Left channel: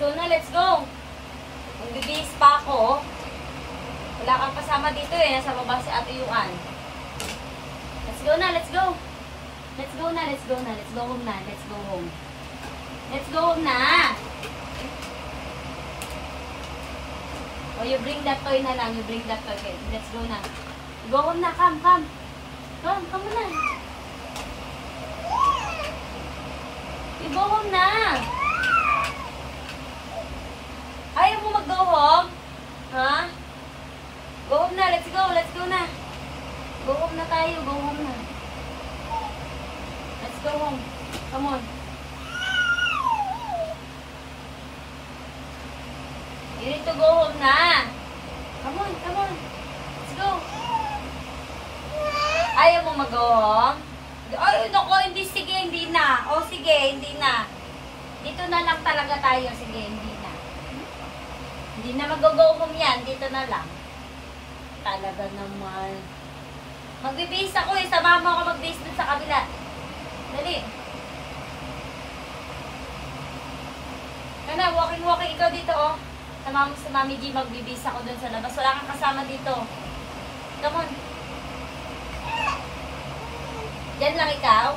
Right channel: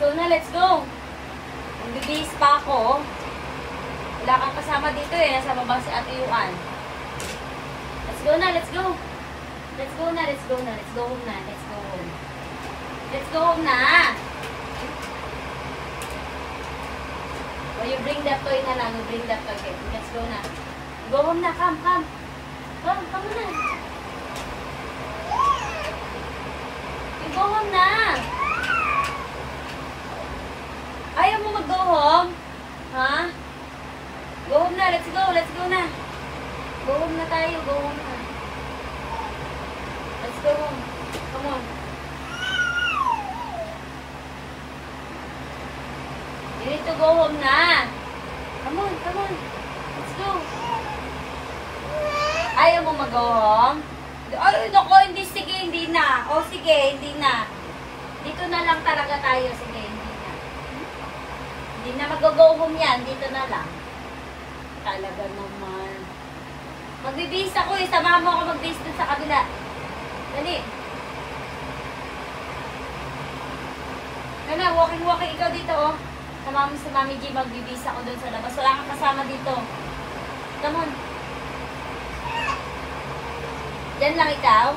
go na, let's go. Magbibihis pa ako. Wala kang kasama dito eh. Nasa baba si Ate Yuan. Let's go na, let's go. Let's go na, let's go na. Let's go home na, let's go home. Let's go home na. Oh, you bring that toy na lang. You bring that toy. Let's go na. Go home na, come, come. Come, come na. Go home na. Ayaw mo mag-go home? Ha? Go home na, let's go na. Go home na tayo, go home na. Let's go home. Come on. You need to go home na. Come on, come on. Let's go. Ayaw mo mag-go home? Ay, naku, hindi, sige, hindi na. O, sige, hindi na. Dito na lang talaga tayo. Sige, hindi na. Hindi na mag-go home yan. Dito na lang. Talaga naman. Magbibihis ako eh. Sama mo ako magbihis dun sa kabila. Dali. Ano, walking ikaw dito oh. Sama mo sa Mami G, magbibihis ako dun sa labas. Wala kang kasama dito. Come on. Yan lang ikaw.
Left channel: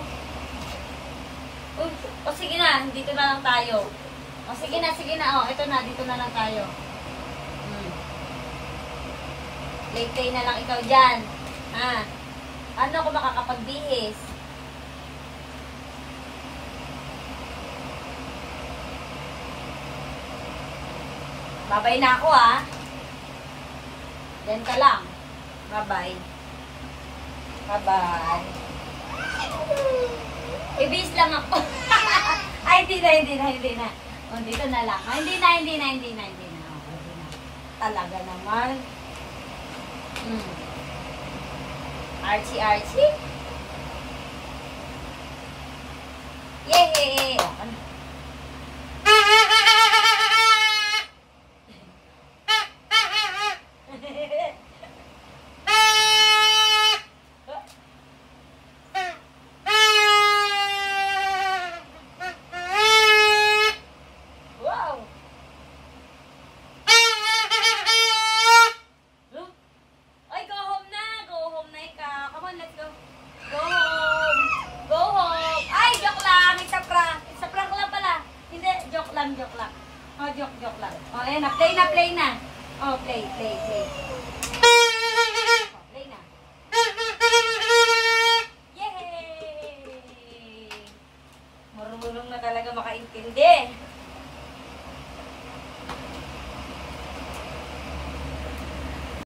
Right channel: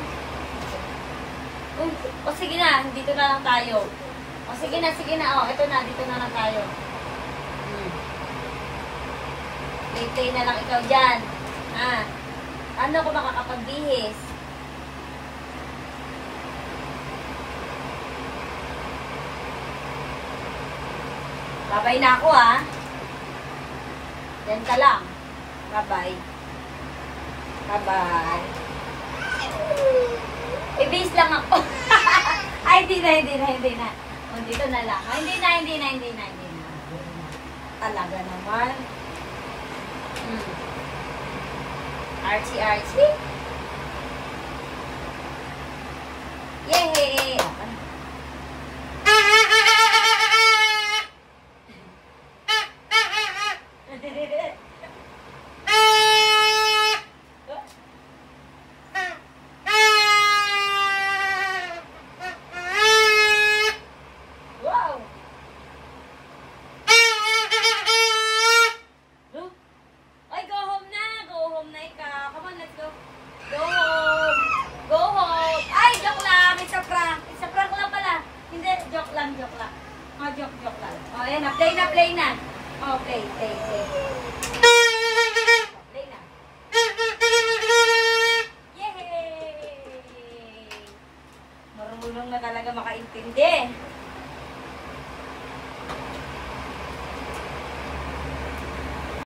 O sige na, dito na lang tayo. O sige na, o. Ito na, dito na lang tayo. Play na lang ikaw dyan. Ah. Ano kung makakapagbihis? Babay na ako ah. Yan ka lang. Bye-bye. Bye-bye. Ibis lang ako. Ay, hindi na. O, dito na lang. Ay, hindi na. Talaga naman. Archie. Yay! Joke lang. Oh, joke lang. Oh, ayan na. Play na. Oh, play. Play na. Yay! Marunong na talaga makaintindi.